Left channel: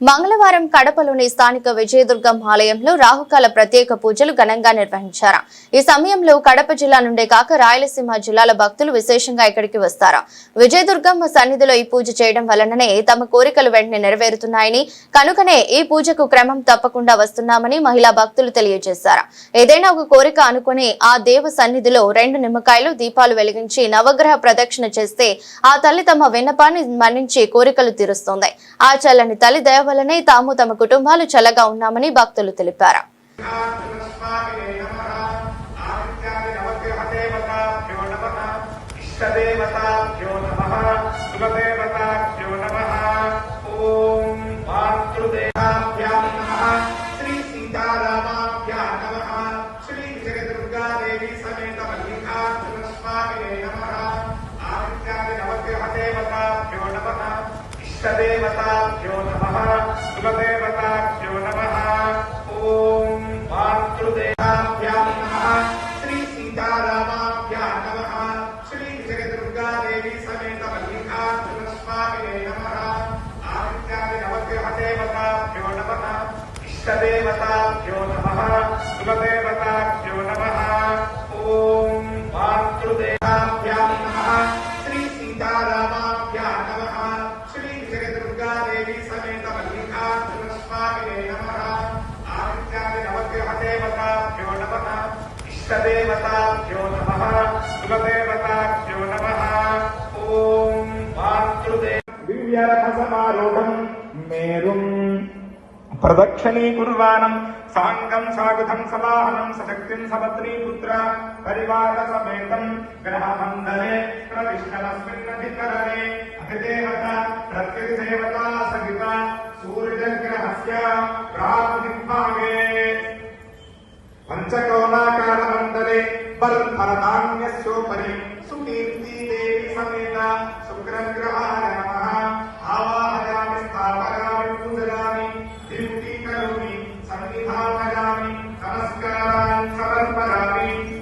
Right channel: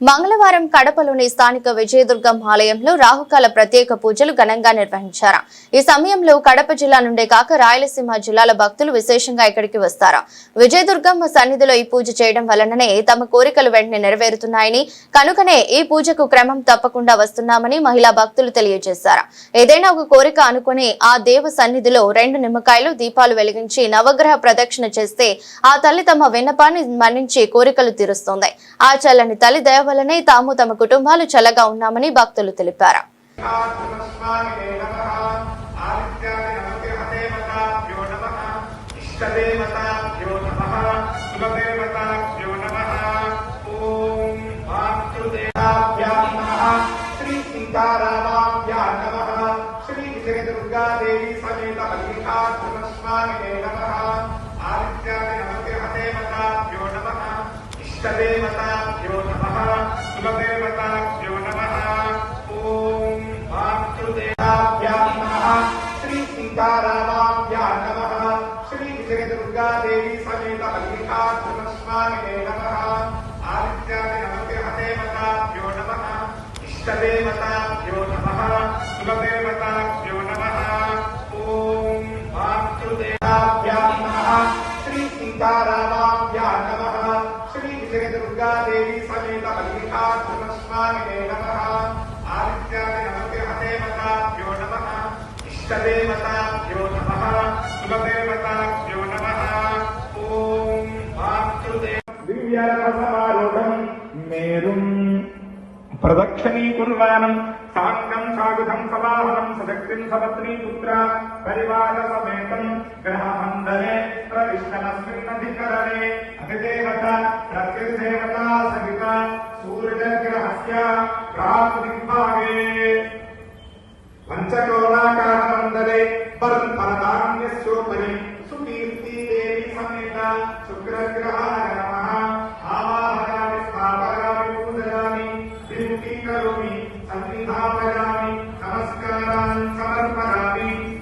మంగళవారం కడపలోని స్థానిక విజయదుర్గం ఆలయంలో రాహుకాల ప్రత్యేక పూజలు ఘనంగా నిర్వహించారు. ఈ సమయంలో కడప జిల్లా నుండే కాక రాయలసీమ జిల్లాల భక్తులు విశేషంగా ఇక్కడికి వస్తారు. విజయదుర్గం సన్నిధిలో ఈ పూజ చేయడం వలననే తమ కోరికలు వెంటనే నెరవేరుతున్నాయని, కనుకనే ఈ పూజకు క్రమం తప్పకుండా వస్తున్నామని మహిళా భక్తులు తెలియజేశారు. ఏదైనా ఒక కోరిక అనుకుని ఆ దేవ సన్నిధిలో 2 నిమ్మకాయలు దీపాలు వెలిగించి నవగ్రహ ప్రదక్షిణ చేస్తే ఆ తల్లి తమ విన్నపాన్ని మన్నించి కోరికలు తీరుస్తుంది. ఆ చల్లని తల్లి దయ వల్లనే తాము తమ కుటుంబాలు చల్లగా ఉన్నామని భక్తులు తెలిపారు. प्रदक्षिणीकुर्वाणं साङ्गं सागुधं सवाहं सशक्तिं सपत्नीपुत्र परिवारसमेतं ग्रहमण्डले प्रविष्टमस्मिन्नधिकरणे अधिदेवता प्रकृतिदेवता सविता सूर्यग्रहस्य प्रातिदिग्भागे पञ्चकोलाकरणमण्डले बलपदान्यस्योपरि सुकीर्ति देवी समेत शुक्रग्रहाय नमः आवाहयामि स्थापयामि पूजयामि विनति करोमि संविधापयामि नमस्कारान् समर्पयामि।